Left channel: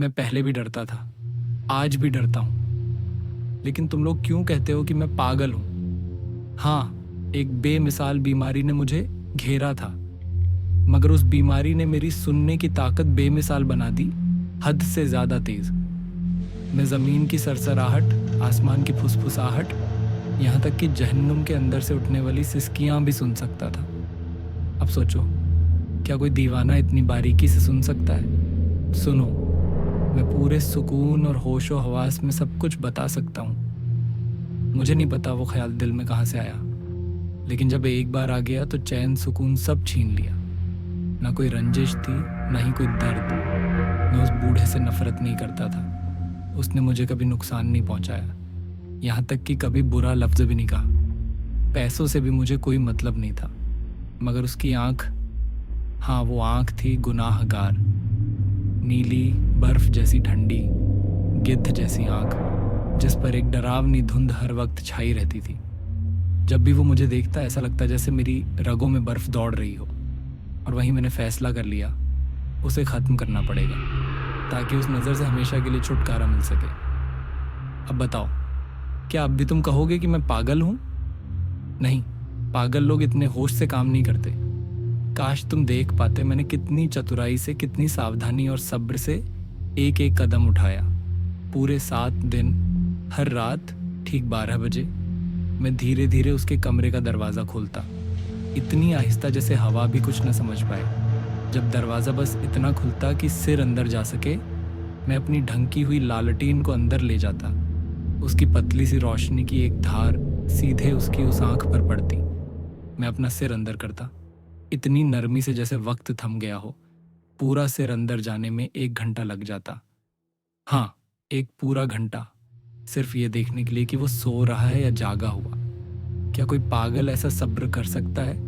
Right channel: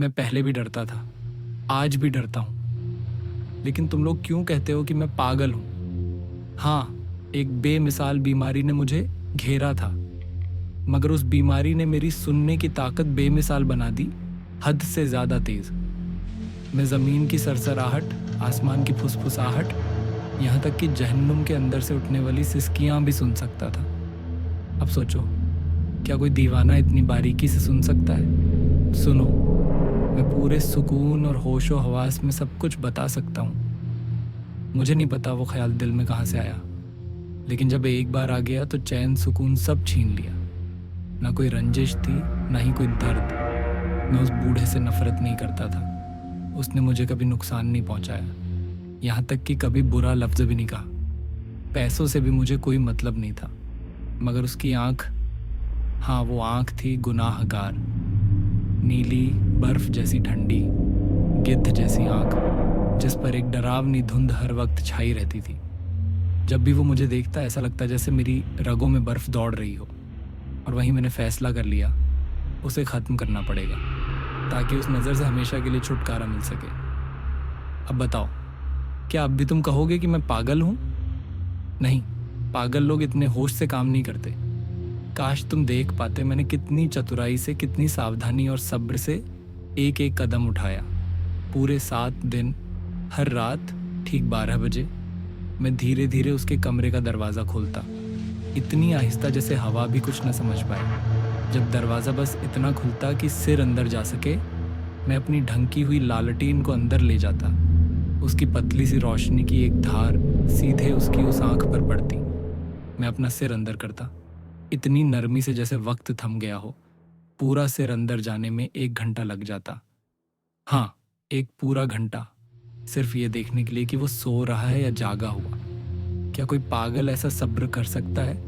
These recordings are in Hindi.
मैं पहले भी डरता था, आज भी डरता हूँ। लेकिन तुम लोग क्यों कहते हो कि मैं पागल हूँ? हाँ, एक बेमिसाल बीमारी ने मुझे घेरा था, मगर उस बीमारी ने मेरी सुनने की ताकत बेमिसाल बना दी, हद से ज्यादा तेज। मैं जमीन की सरसराहट, आसमान की फुसफुसाहट, यहाँ तक कि जहन्नुम के अंदर से उठने वाली सिसकियां भी सुन सकता था। अब सोचो, क्या कोई दीवाना इतनी बारीकी से सुन सकता है? सुनो, मैं पूरे सुकून और होशो हवास में सब कुछ बता सकता हूँ। मुझे नहीं पता वो ख्याल दिल में कहाँ से आया, लेकिन जब एक बार आ गया तो चैन सुकून सब छीन लिया। ना कोई रंजिश थी, ना ही कोई दर्द। मैं उस बूढ़े से नफरत नहीं करता था। उसने मुझे कभी नुकसान नहीं पहुंचाया, यहाँ तक कि कभी बुरा लफ्ज भी नहीं कहा। पैसों से भी मुझे कोई मतलब नहीं था, मगर उसकी आंख, हाँ वो आंख थी गुनाहगार, नीली बर्फ जैसी ठंडी, गिद्ध जैसी आंख, जिस पर एक डरावनी धुंध हर वक्त छाई रहती थी। जब भी वो मुझे देखता ऐसा लगता जैसे मेरी रगों में बर्फ दौड़ रही हो। और वहीं मैंने फैसला कर लिया, उसे ख़त्म करना पड़ेगा, ताकि उस नज़र से हमेशा के लिए छुटकारा मिल सके। अब बताओ, क्या अब भी तुम कहोगे कि मैं पागल हूँ? नहीं, पागल लोग इतने होश से काम नहीं करते। काश तुम देख पाते मैंने कितनी चतुराई से, कितनी सावधानी और सब्र से एक एक कदम उठाया। पूरे 7 दिन, हर रात ठीक 12 बजे मैं धीरे धीरे उसके कमरे का दरवाज़ा खोलता, इतनी आहिस्ता जैसे हवा भी कुछ न समझ पाए। जब दरवाज़ा बस इतना खुलता कि सिर अंदर जा सके, मैं अपनी ढंकी हुई लालटीन को अंदर ले जाता। उसकी पतली सी रोशनी की एक धार सीधे उसकी उस आंख पर पड़ती। मैं अपना सिर अंदर करता, इतनी नरमी से जैसे वक्त थम गया हो। पूरा सिर अंदर जाने में 1 घंटा लग जाता। हाँ, एक पूरा घंटा, सिर्फ ये देखने के लिए कि वो सो रहा है या जागा हुआ। क्या कोई पागल ऐसा सब्र कर सकता है?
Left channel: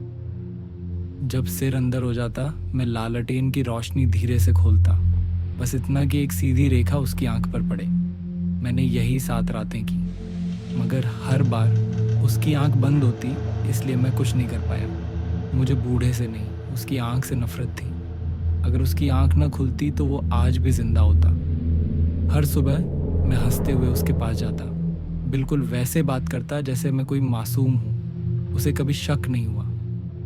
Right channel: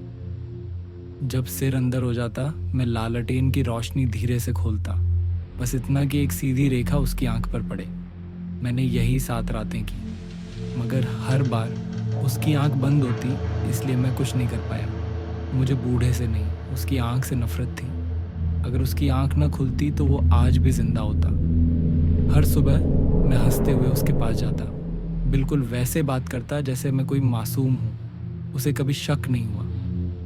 जब सिर अंदर हो जाता, मैं लालटेन की रोशनी धीरे से खोलता, बस इतना कि एक सीधी रेखा उसकी आंख पर पड़े। मैंने यही 7 रातें की, मगर हर बार उसकी आंख बंद होती, इसलिए मैं कुछ नहीं कर पाया। मुझे बूढ़े से नहीं, उसकी आंख से नफरत थी। अगर उसकी आंख न खुलती तो वो आज भी जिंदा होता। हर सुबह मैं हंसते हुए उसके पास जाता, बिल्कुल वैसे बात करता जैसे मैं कोई मासूम हूँ। उसे कभी शक नहीं हुआ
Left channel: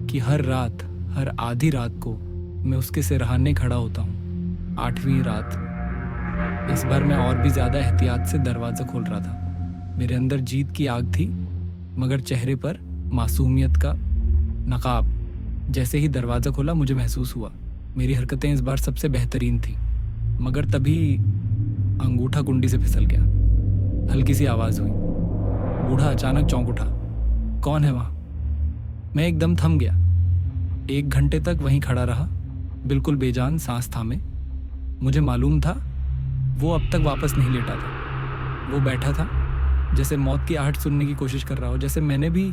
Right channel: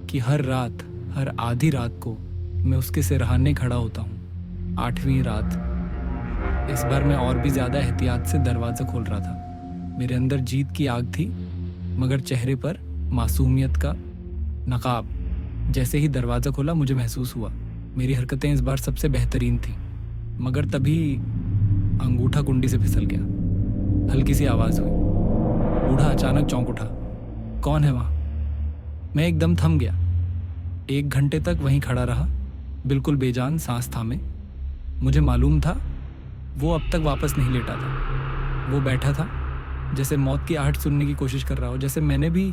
कि हर रात, हर आधी रात को मैं उसके सिरहाने खड़ा होता हूँ। 8वीं रात, इस बार मैं और भी ज्यादा एहतियात से दरवाज़ा खोल रहा था। मेरे अंदर जीत की आग थी, मगर चेहरे पर मासूमियत का नकाब। जैसे ही दरवाज़ा खोला मुझे महसूस हुआ मेरी हरकतें इस बार सबसे बेहतरीन थी, मगर तभी अंगूठा कुंडी से फिसल गया। हल्की सी आवाज़ हुई। बूढ़ा अचानक चौंक उठा। कौन है वहाँ? मैं एकदम थम गया। 1 घंटे तक वहीं खड़ा रहा, बिल्कुल बेजान, सांस थामे। मुझे मालूम था वो अब तक वापस नहीं लेटा था। वो बैठा था जैसे मौत की आहट सुनने की कोशिश कर रहा हो, जैसे मैंने भी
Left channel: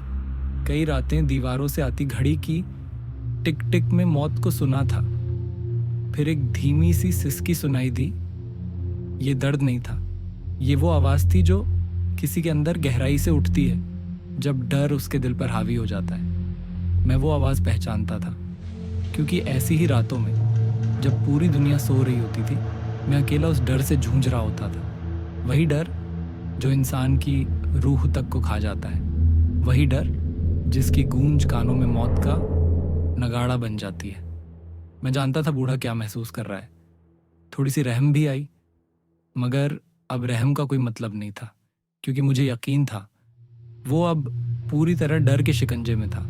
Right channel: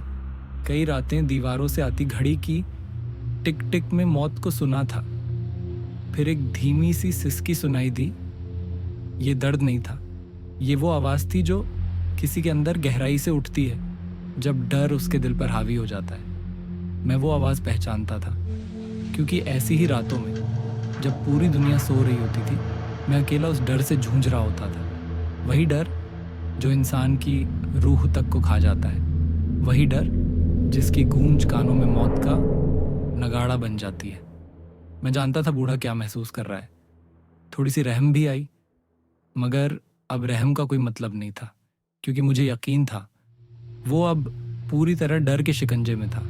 कई रातें दीवारों से आती घड़ी की टिक टिक में मौत को सुना था। फिर एक धीमी सी सिसकी सुनाई दी। ये दर्द नहीं था, ये वो आवाज़ थी जो किसी के अंदर गहराई से उठती है जब डर उसके दिल पर हावी हो जाता है। मैं वो आवाज़ पहचानता था, क्योंकि ऐसी ही रातों में जब पूरी दुनिया सो रही होती थी, मैं अकेला उस डर से जूझ रहा होता था। वही डर जो इंसान की रूह तक को खा जाता है, वही डर जिसकी गूंज कानों में मौत का नगाड़ा बन जाती है। मैं जानता था बूढ़ा क्या महसूस कर रहा है। थोड़ी सी रहम भी आई, मगर अब रहम का कोई मतलब नहीं था, क्योंकि मुझे यकीन था वो अब पूरी तरह डर के शिकंजे में था।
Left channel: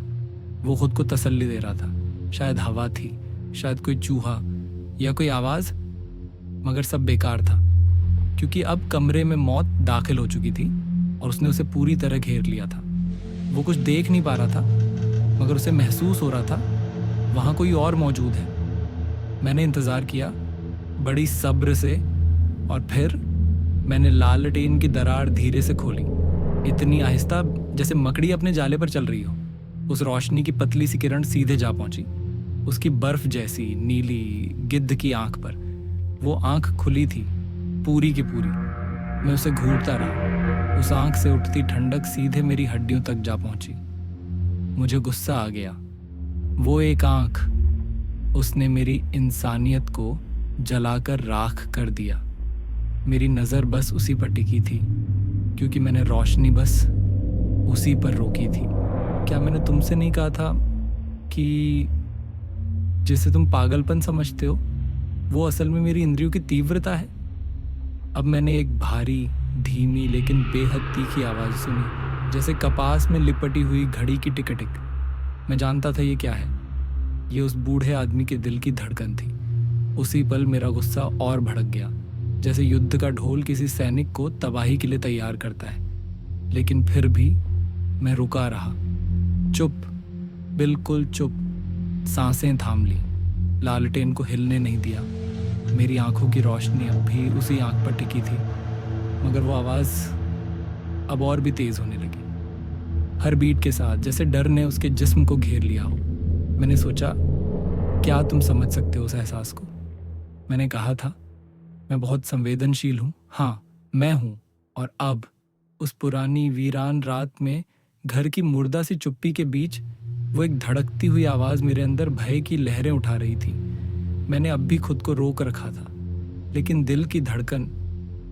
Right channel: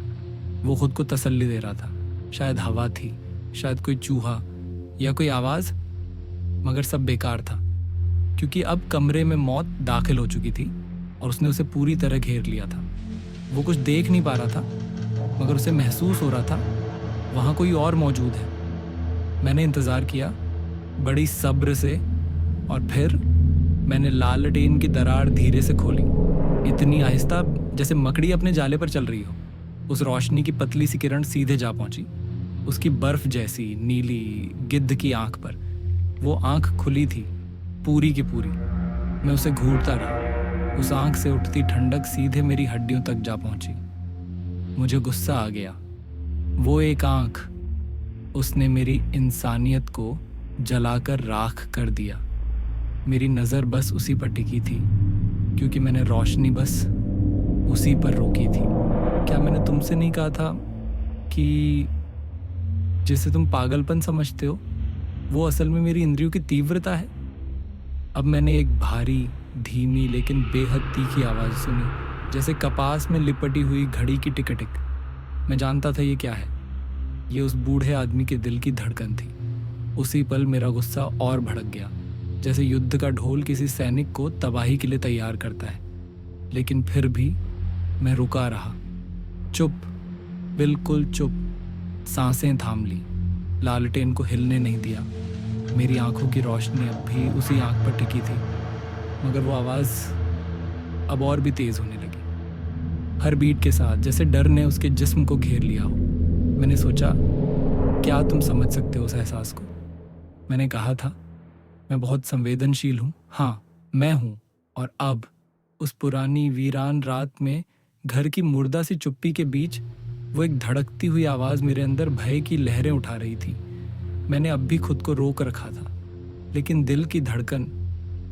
वो खुद को तसल्ली दे रहा था। शायद हवा थी, शायद कोई चूहा या कोई आवाज़, मगर सब बेकार था, क्योंकि अब कमरे में मौत दाखिल हो चुकी थी और उसने उसे पूरी तरह घेर लिया था। वो कुछ देख नहीं पा रहा था, मगर उसे महसूस हो रहा था वहाँ कोई और मौजूद है। मैंने इंतज़ार किया बड़ी सब्र से, और फिर मैंने लालटेन की दरार धीरे से खोली, इतनी आहिस्ता जैसे मकड़ी अपने जाले पर चल रही हो। उस रोशनी की पतली सी किरण सीधे जा पहुंची उसकी बर्फ जैसी नीली गिद्ध की आंख पर। वो आंख खुली थी, पूरी की पूरी। मैं उसे घूरता रहा। उस आंख से उठती ठंडक सीधे मेरी हड्डियों तक जा पहुंची। मुझे गुस्सा आ गया। वो एक आंख, उसने मेरी इंसानियत को जलाकर राख कर दिया। मेरी नज़र बस उसी पर टिकी थी, क्योंकि मैंने रोशनी बस उसी पर रोकी थी। क्या मैंने तुमसे नहीं कहा था कि जिसे तुम पागलपन समझते हो वो असल में मेरी इंद्रियों की तीव्रता है? अब मैंने एक भारी, धीमी लेकिन बेहद तीखी आवाज़ सुनी, जैसे कपास में लिपटी हुई घड़ी की टिक टिक। मैं जानता था ये क्या है। ये उस बूढ़े आदमी के दिल की धड़कन थी। उसी पल मेरा गुस्सा और भड़क गया, जैसे युद्ध का ढोल किसी सैनिक को तबाही के लिए तैयार करता है। लेकिन फिर भी मैं रुका रहा, चुप, बिल्कुल चुप। सांसें थाम ली, लालटेन को हिलने नहीं दिया। मेरी आंखों की रोशनी अब भी उसी आंख पर टिकी थी, मगर वो आवाज़ अब और भी तेज़ होने लगी, हर बीट के साथ, जैसे डर ने उसके जिस्म को घेर लिया हो। मैंने सोचा, क्या तुम समझ सकते हो उस एहसास को? मैंने कहा था, मैं बहुत संवेदनशील हूँ। हाँ, मैं हूँ। और अब उस पुरानी वीरान रात में घर की मुर्दा सी चुप्पी के बीच वो एक धड़कती हुई आवाज़ मेरे अंदर भय की लहरें उठा रही थी। मैंने अब भी खुद को रोक रखा था, लेकिन दिल की धड़कन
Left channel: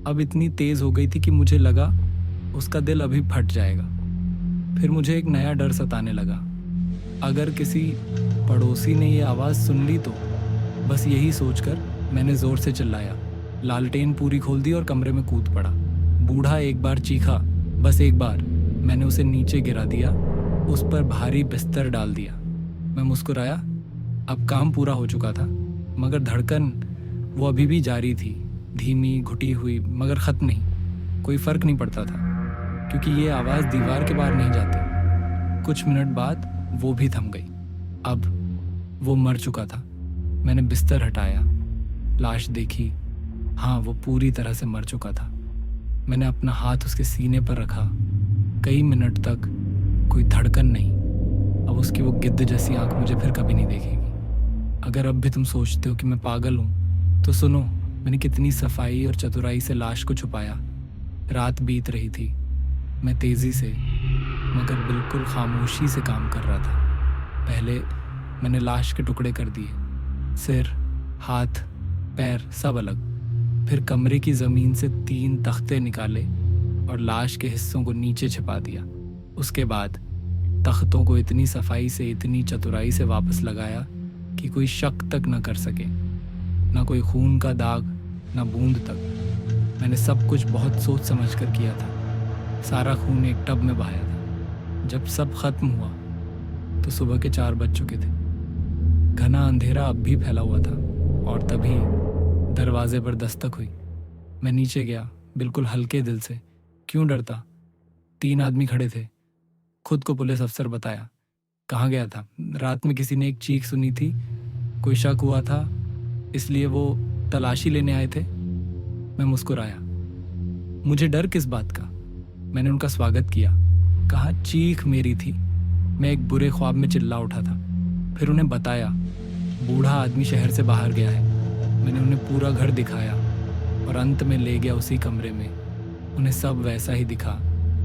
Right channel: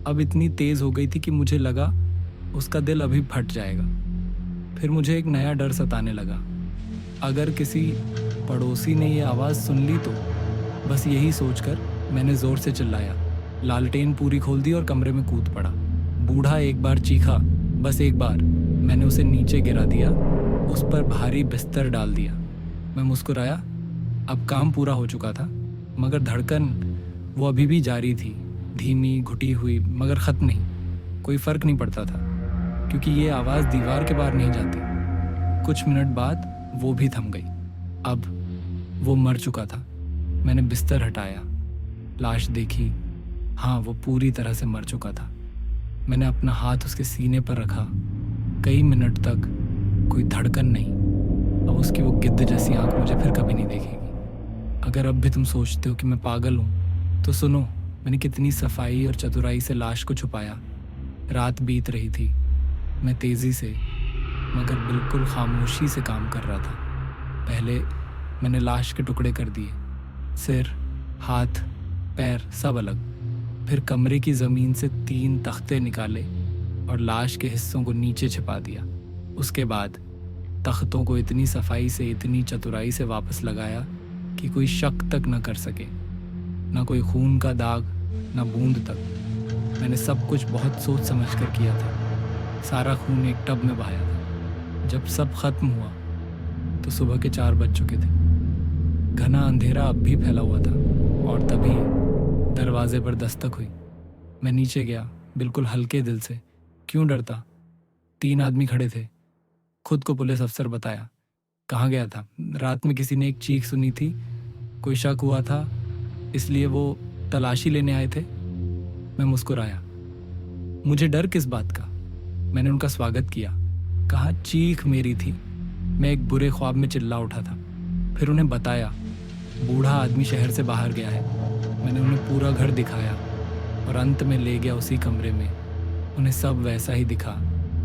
अब इतनी तेज़ हो गई थी कि मुझे लगा उसका दिल अभी फट जाएगा। फिर मुझे एक नया डर सताने लगा। अगर किसी पड़ोसी ने ये आवाज़ सुन ली तो? बस यही सोचकर मैंने ज़ोर से चिल्लाया, लालटेन पूरी खोल दी और कमरे में कूद पड़ा। बूढ़ा एक बार चीखा, बस एक बार। मैंने उसे नीचे गिरा दिया, उस पर भारी बिस्तर डाल दिया। मैं मुस्कुराया, अब काम पूरा हो चुका था, मगर धड़कन वो अभी भी जारी थी, धीमी, घुटी हुई, मगर ख़त्म नहीं। कोई फ़र्क नहीं पड़ता था, क्योंकि ये आवाज़ दीवार के बाहर नहीं जाती। कुछ मिनट बाद वो भी थम गई। अब वो मर चुका था। मैंने बिस्तर हटाया, लाश देखी। हाँ, वो पूरी तरह से मर चुका था। मैंने अपना हाथ उसके सीने पर रखा। कई मिनट तक कोई धड़कन नहीं। अब उसकी वो गिद्ध जैसी आंख मुझे फिर कभी नहीं देखेगी। अगर अब भी तुम सोचते हो कि मैं पागल हूँ, तो सुनो, मैंने कितनी सफाई और चतुराई से लाश को छुपाया। रात बीत रही थी। मैं तेज़ी से, मगर बिल्कुल खामोशी से काम कर रहा था। पहले मैंने लाश के टुकड़े कर दिए, सिर, हाथ, पैर सब अलग। फिर कमरे की ज़मीन से 3 तख्ते निकाले और लाश के हिस्सों को नीचे छिपा दिया। उसके बाद तख्तों को इतनी सफाई से, इतनी चतुराई से वापस लगाया कि कोई शक तक न कर सके, ना कोई खून का दाग, ना बूंद तक। मैंने सब कुछ बहुत सोच समझ कर किया था। सारा खून एक टब में बहाया था। जब सब खत्म हुआ तो सुबह के 4 बज चुके थे। घना अंधेरा अब भी फैला हुआ था, और तभी दरवाजे पर दस्तक हुई। मैं नीचे गया, बिल्कुल हल्के दिल से। क्यों डरता? 3 आदमी खड़े थे। खुद को पुलिस अफसर बताया। कहाँ गया था? रात में किसी ने एक चीख सुनी थी, कोई शक हुआ था, इसलिए वो तलाशी लेने आए थे। मैं मुस्कुराया। मुझे डर किस बात का? मैंने उनका स्वागत किया। कहा चीख मेरी थी। मैं एक बुरे ख्वाब में चिल्ला उठा था। फिर उन्हें बताया, बूढ़ा आदमी शहर से बाहर गया है। मैंने उन्हें पूरा घर दिखाया और अंत में ले गया उसी कमरे में। उन्हें सब वैसा ही दिखा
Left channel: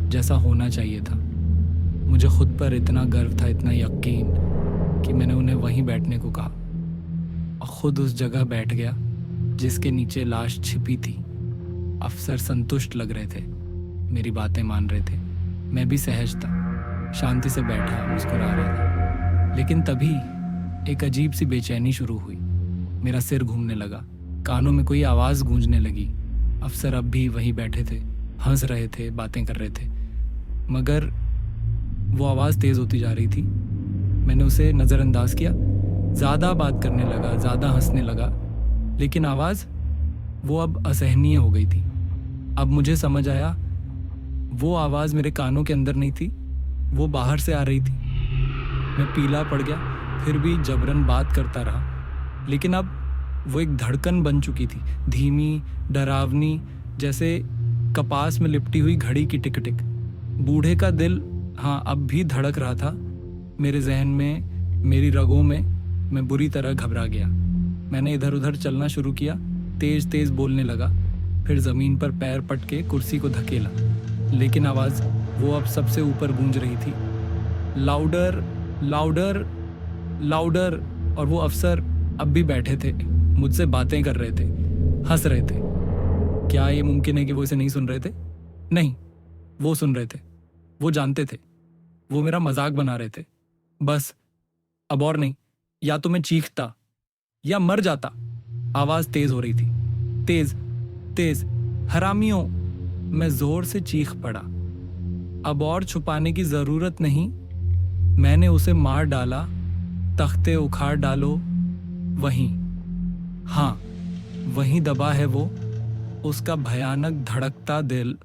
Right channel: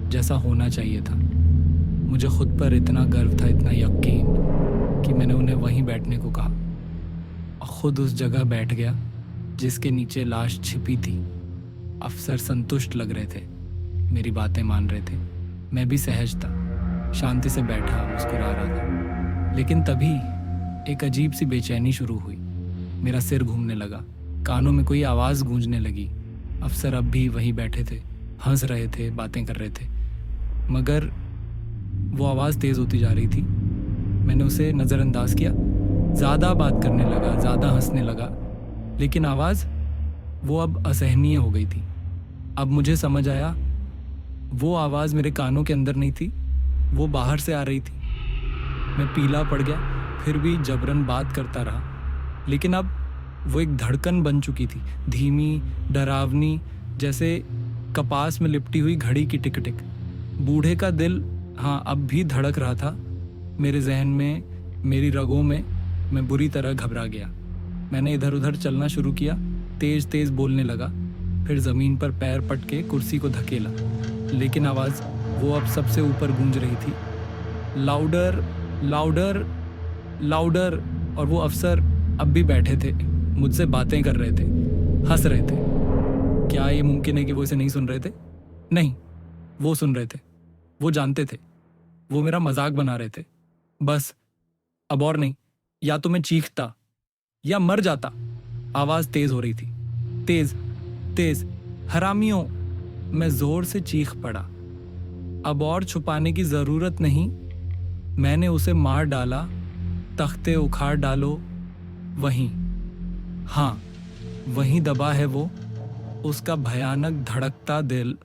जैसा होना चाहिए था। मुझे खुद पर इतना गर्व था, इतना यकीन, कि मैंने उन्हें वहीं बैठने को कहा और खुद उस जगह बैठ गया जिसके नीचे लाश छिपी थी। अफसर संतुष्ट लग रहे थे, मेरी बातें मान रहे थे। मैं भी सहज था, शांति से बैठा, मुस्कुरा रहा था। लेकिन तभी एक अजीब सी बेचैनी शुरू हुई। मेरा सिर घूमने लगा, कानों में कोई आवाज़ गूंजने लगी। अफसर अब भी वहीं बैठे थे, हंस रहे थे, बातें कर रहे थे, मगर वो आवाज़ तेज़ होती जा रही थी। मैंने उसे नज़रअंदाज किया। ज़्यादा बात करने लगा, ज़्यादा हंसने लगा, लेकिन आवाज़ वो अब असहनीय हो गई थी। अब मुझे समझ आया, वो आवाज़ मेरे कानों के अंदर नहीं थी, वो बाहर से आ रही थी। मैं पीला पड़ गया, फिर भी जबरन बात करता रहा। लेकिन अब वो एक धड़कन बन चुकी थी, धीमी, डरावनी, जैसे कपास में लिपटी हुई घड़ी की टिक टिक। बूढ़े का दिल हाँ अब भी धड़क रहा था मेरे जहन में, मेरी रगों में। मैं बुरी तरह घबरा गया। मैंने इधर उधर चलना शुरू किया, तेज तेज बोलने लगा, फिर ज़मीन पर पैर पटके कुर्सी को धकेला। लेकिन आवाज़ वो अब सबसे ऊपर गूंज रही थी, लाउडर, लाउडर, लाउडर। और वो अफसर अब भी बैठे थे, मुझसे बातें कर रहे थे, हंस रहे थे। क्या ये मुमकिन है कि वो इसे नहीं सुन रहे थे? नहीं, वो सुन रहे थे। वो जानते थे। वो मेरा मजाक बना रहे थे। बस, अब और नहीं। या तो मैं चीखता या मर जाता। आवाज तेज हो रही थी। तेज, तेज। हरामियों! मैं जोर से चीख पड़ा। अब और छुपाने की जरूरत नहीं। मैंने उसे मार डाला। तख्ते उखाड़ डालो। वहीं, हाँ, वहीं दबा है वो। उसका भयानक धड़कता दिल